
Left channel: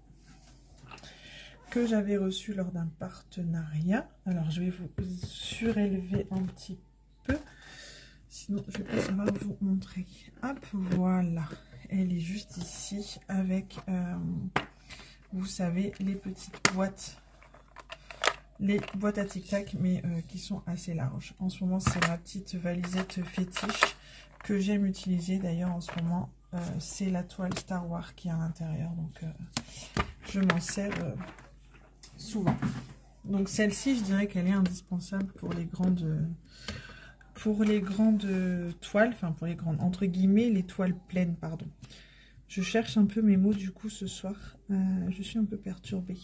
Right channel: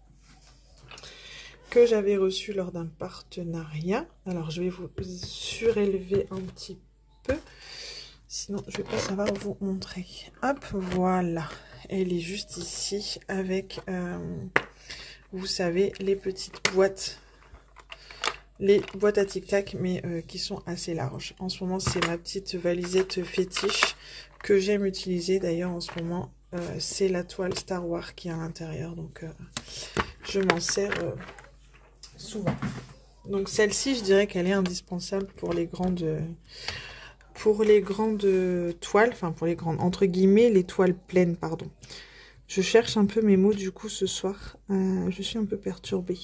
que j'avais reçue lors d'un partenariat. Alors, je vais vous surélever un petit peu, sinon je vais pas savoir vous montrer. Hop, voilà. Elle est juste ici avec, vous savez, les petites boîtes. Les boîtes à tic-tac, mais qui sont assez larges. En ce moment, c'est ma petite valisette fétiche que j'aime utiliser. D'ailleurs, en ce moment, c'est la toile Star Wars qui est à l'intérieur. Donc, je m'en sers souvent. Donc, celle-ci, je dirais qu'elle est indispensable pour les grandes toiles. Enfin, pour les grandes, entre guillemets, les toiles pleines, pardon. Je cherche un peu mes mots, du coup, ce soir. Je suis un peu perturbée.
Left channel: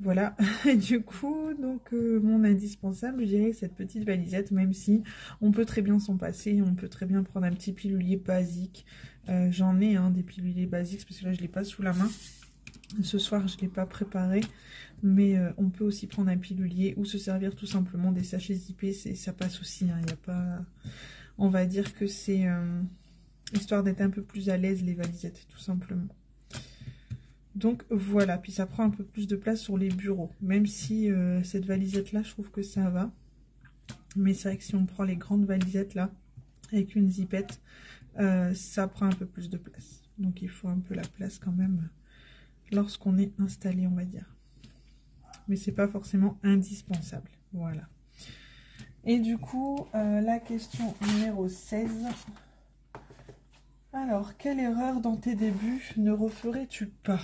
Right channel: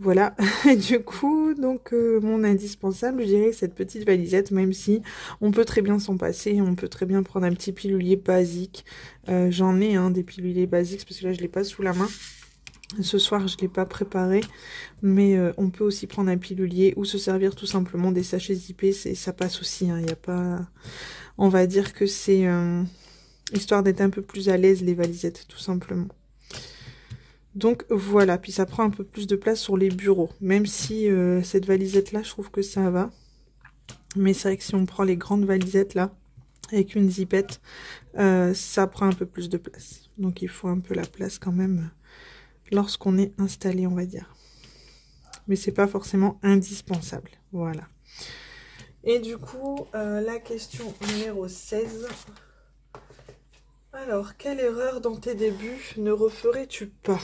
Voilà, du coup, donc mon indispensable, je dirais cette petite valisette, même si on peut très bien s'en passer, on peut très bien prendre un petit pilulier basique. J'en ai des piluliers basiques, parce que là, je ne l'ai pas sous la main. Ce soir, je ne l'ai pas préparé, mais on peut aussi prendre un pilulier ou se servir tout simplement des sachets zippés, ça passe aussi, il n'y a pas... On va dire que c'est histoire d'être un peu plus à l'aise, les valisettes, tout simplement. Donc voilà, puis ça prend un peu plus de place sur les bureaux, même si cette valisette là, je trouve que ça va. Mais c'est vrai que si on prend les grandes valisettes là, avec une zippette, ça prend un peu plus de place. Donc il faut un peu la place quand même lorsqu'on est installé, on va dire. Mais c'est pas forcément indispensable, voilà. Et du coup, la question numéro 16... Alors, quelle erreur dans tes débuts ne referais-tu pas?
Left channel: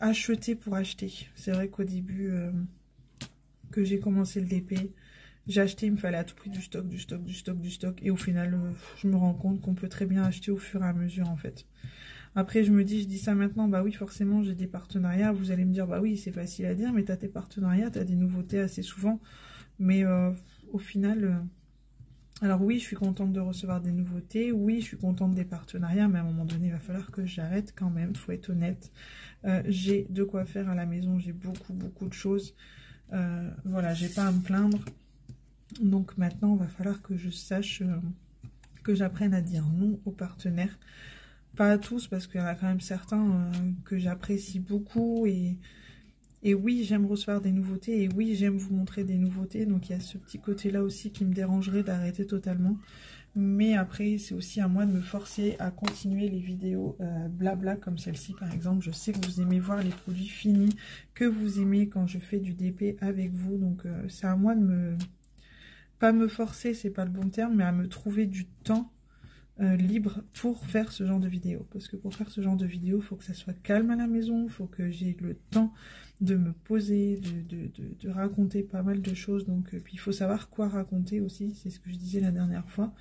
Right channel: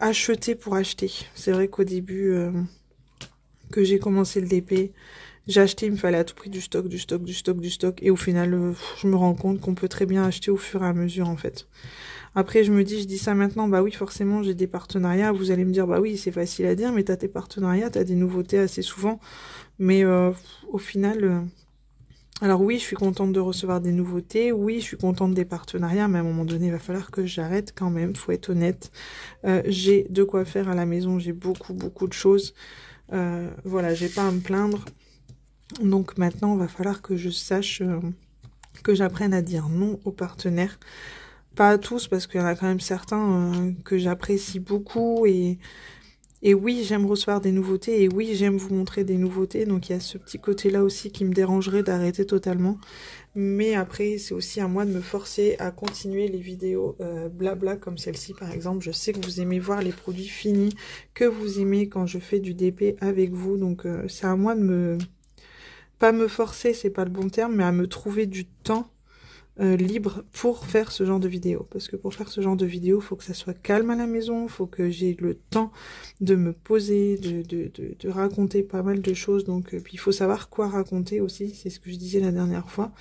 Acheter pour acheter. C'est vrai qu'au début que j'ai commencé le DP, j'ai acheté, il me fallait à tout prix du stock. Et au final, je me rends compte qu'on peut très bien acheter au fur et à mesure en fait. Après, je dis ça maintenant, bah oui, forcément, j'ai des partenariats. Vous allez me dire, bah oui, c'est facile à dire, mais tu as tes partenariats, tu as des nouveautés assez souvent. Mais au final... Alors oui, je suis contente de recevoir des nouveautés, oui, je suis contente des partenariats, mais à un moment donné, il va falloir que j'arrête quand même, faut être honnête. J'ai de quoi faire à la maison, j'ai beaucoup de choses. Voilà, j'ai pas à me plaindre. Donc maintenant, il va falloir que je sache, que j'apprenne à dire non aux partenaires. Pas à tous, parce qu'il y en a quand même certains que j'apprécie beaucoup et oui, j'aime recevoir des nouveautés, et oui, j'aime vous montrer des nouveautés, donc il y a ce petit côté-là aussi qui me dérangerait d'arrêter totalement. Mais après, c'est aussi à moi de me forcer à continuer les vidéos blabla comme celle-ci par exemple. Je sais que vous aimez voir les produits finis, que vous aimez quand je fais du DP avec vous. Donc c'est à moi de me... pas me forcer, c'est pas le bon terme, mais à me trouver du temps libre pour faire ce genre de vidéo. Parce que pour faire ce genre de vidéo, il faut que ça soit calme à la maison, il faut que j'ai le temps de me poser, de raconter pas mal de choses. Donc, puis il faut savoir quoi raconter aussi, c'est ce que je disais la dernière fois.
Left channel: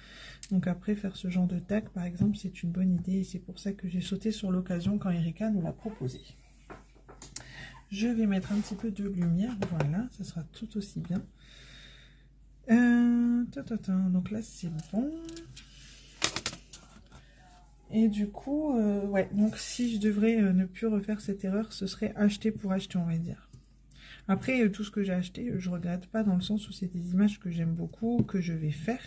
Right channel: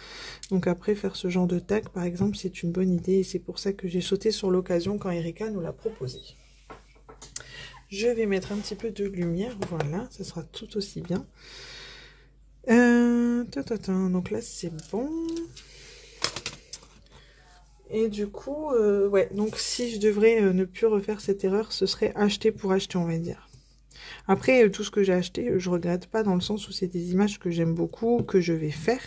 Donc après, faire ce genre de tag, par exemple, c'est une bonne idée. Et c'est pour ça que j'ai sauté sur l'occasion quand Erika nous l'a proposé. Je vais mettre un petit peu de lumière, voilà, ça sera tout aussi bien. Donc là, c'est bon. Et du coup, ouais, donc si je devrais ne plus refaire cette erreur, ce serait acheter pour acheter, on va dire. Après, tout ce que j'ai acheté, je regrette pas dans le sens où c'est des images que j'aime beaucoup, que je vais faire.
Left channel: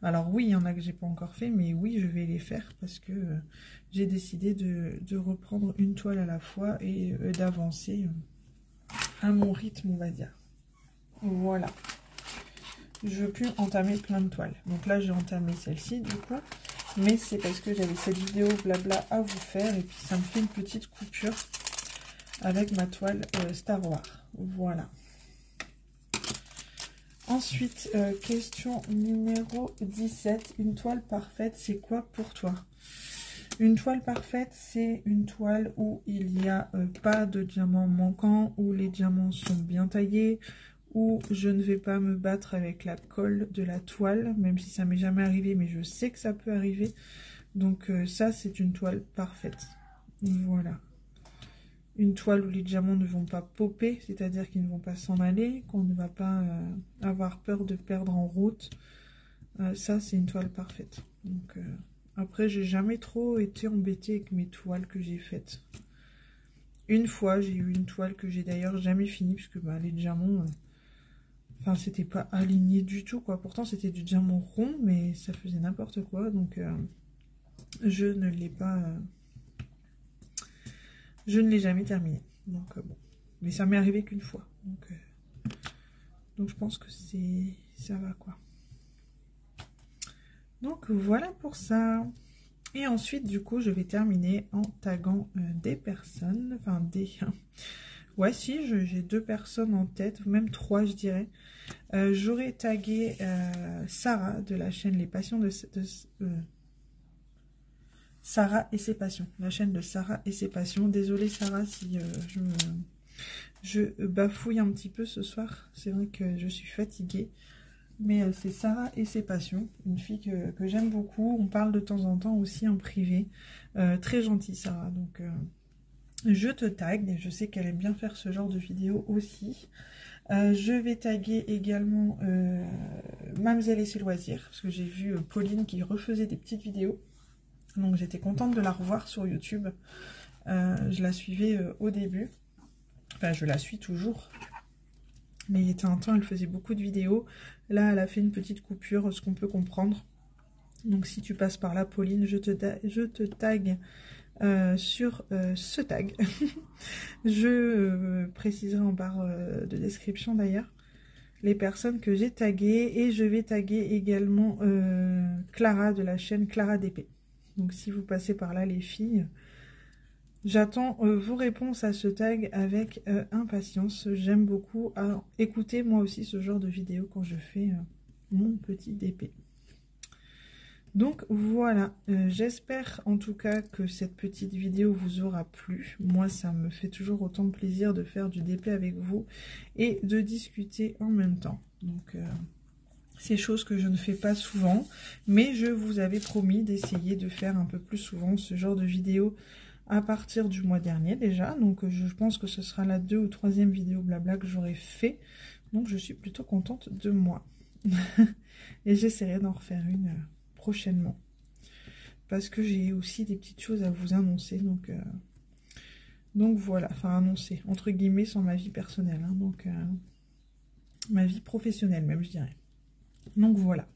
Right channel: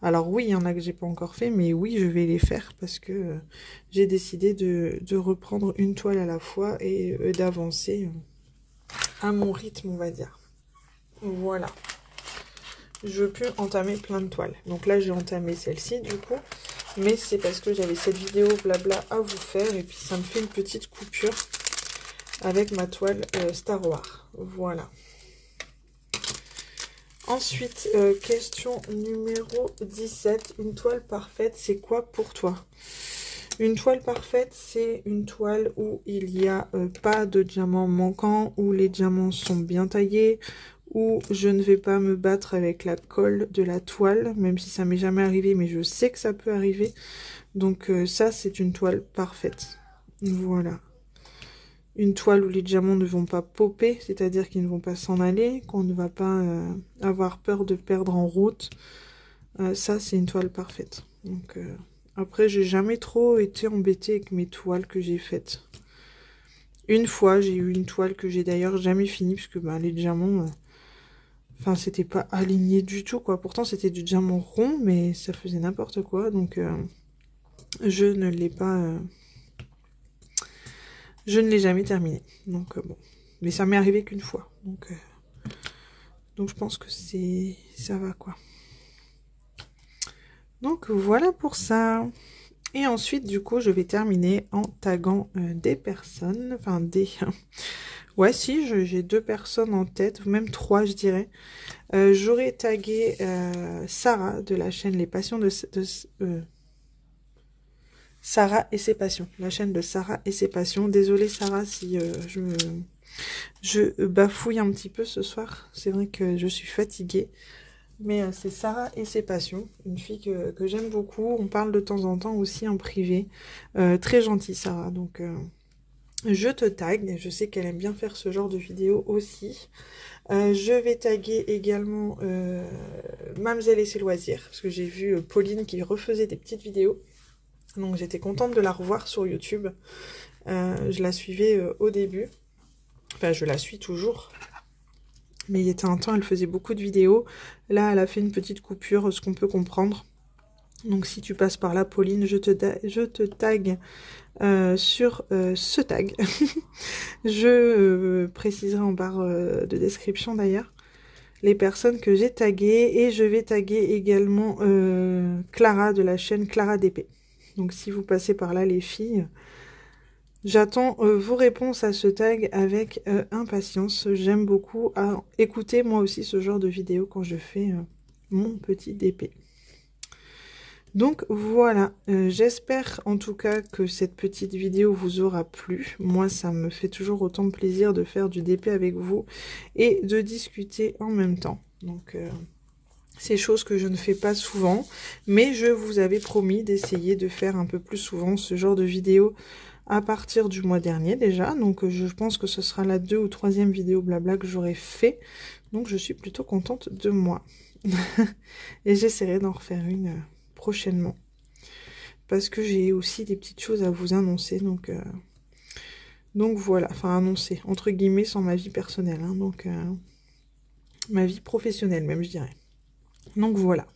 Alors oui, il y en a que j'ai pas encore fait, mais oui, je vais les faire parce que j'ai décidé de reprendre une toile à la fois et d'avancer à mon rythme, on va dire. Voilà. Je peux entamer plein de toiles. Donc là, j'ai entamé celle-ci, du coup. Mais c'est parce que j'avais cette vidéo blabla à vous faire. Et puis, ça me fait une petite coupure avec ma toile Star Wars. Voilà. Ensuite, question numéro 17. Une toile parfaite, c'est quoi pour toi? Une toile parfaite, c'est une toile où il n'y a pas de diamants manquants, où les diamants sont bien taillés, où je ne vais pas me battre avec la colle de la toile, même si ça m'est jamais arrivé, mais je sais que ça peut arriver. Donc ça, c'est une toile parfaite. Voilà. Une toile où les diamants ne vont pas popper, c'est-à-dire qu'ils ne vont pas s'en aller, qu'on ne va pas avoir peur de perdre en route. Ça, c'est une toile parfaite. Donc après, j'ai jamais trop été embêtée avec mes toiles que j'ai faites. Une fois, j'ai eu une toile que j'ai d'ailleurs jamais finie, puisque bah, les diamants... Enfin, c'était pas aligné du tout, quoi. Pourtant, c'était du diamant rond, mais ça faisait n'importe quoi. Donc, je ne l'ai pas... je ne l'ai jamais terminé. Donc, bon. Mais ça m'est arrivé qu'une fois. Donc, je pense que ça va, quoi. Donc, voilà pour ça. Et ensuite, du coup, je vais terminer en taguant des personnes. Enfin, des... Ouais, si, j'ai 2 personnes en tête, ou même 3, je dirais. J'aurais tagué Sarah de la chaîne Les Passions de Sarah et ses passions. La chaîne de Sarah et ses passions. Désolée Sarah si je bafouille un petit peu ce soir. C'est vrai que je suis fatiguée. Mais c'est Sarah et ses passions. Une fille que j'aime beaucoup. On parle de temps en temps aussi en privé. Très gentille Sarah. Donc... je te tag, je sais qu'elle aime bien faire ce genre de vidéos aussi. Je vais taguer également Mamzelle et ses loisirs, parce que j'ai vu Pauline qui refaisait des petites vidéos. Donc j'étais contente de la revoir sur YouTube. Je la suivais au début. Enfin, je la suis toujours. Mais il y était un temps, elle faisait beaucoup de vidéos. Là, elle a fait une petite coupure, ce qu'on peut comprendre. Donc si tu passes par là, Pauline, je te tag sur ce tag. Je préciserai en barre de description d'ailleurs les personnes que j'ai taguées. Et je vais taguer également Clara de la chaîne Clara DP. Donc si vous passez par là les filles, j'attends vos réponses à ce tag avec impatience. J'aime beaucoup à écouter moi aussi ce genre de vidéo quand je fais mon petit DP. Donc voilà, j'espère en tout cas que cette petite vidéo vous aura plu. Moi, ça me fait toujours autant de plaisir de faire du DP avec vous et de discuter en même temps. Donc, c'est chose que je ne fais pas souvent, mais je vous avais promis d'essayer de faire un peu plus souvent ce genre de vidéo à partir du mois dernier déjà. Donc, je pense que ce sera la 2e ou 3e vidéo blabla que j'aurai fait. Donc, je suis plutôt contente de moi. Et j'essaierai d'en refaire une... prochainement, parce que j'ai aussi des petites choses à vous annoncer, donc voilà, enfin annoncer entre guillemets, sans ma vie personnelle, hein, donc ma vie professionnelle même, je dirais. Donc voilà,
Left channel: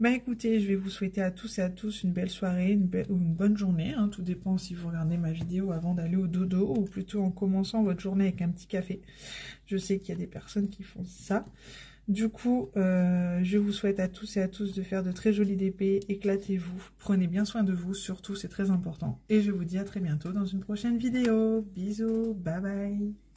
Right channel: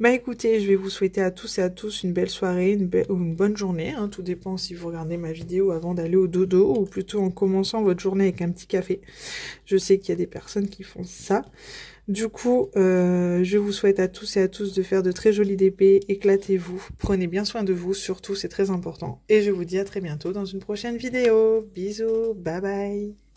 Bah écoutez, je vais vous souhaiter à tous et à tous une belle soirée, ou une bonne journée, hein, tout dépend si vous regardez ma vidéo avant d'aller au dodo, ou plutôt en commençant votre journée avec un petit café. Je sais qu'il y a des personnes qui font ça. Du coup, je vous souhaite à tous et à tous de faire de très jolies DP, éclatez-vous, prenez bien soin de vous, surtout c'est très important. Et je vous dis à très bientôt dans une prochaine vidéo. Bisous, bye bye.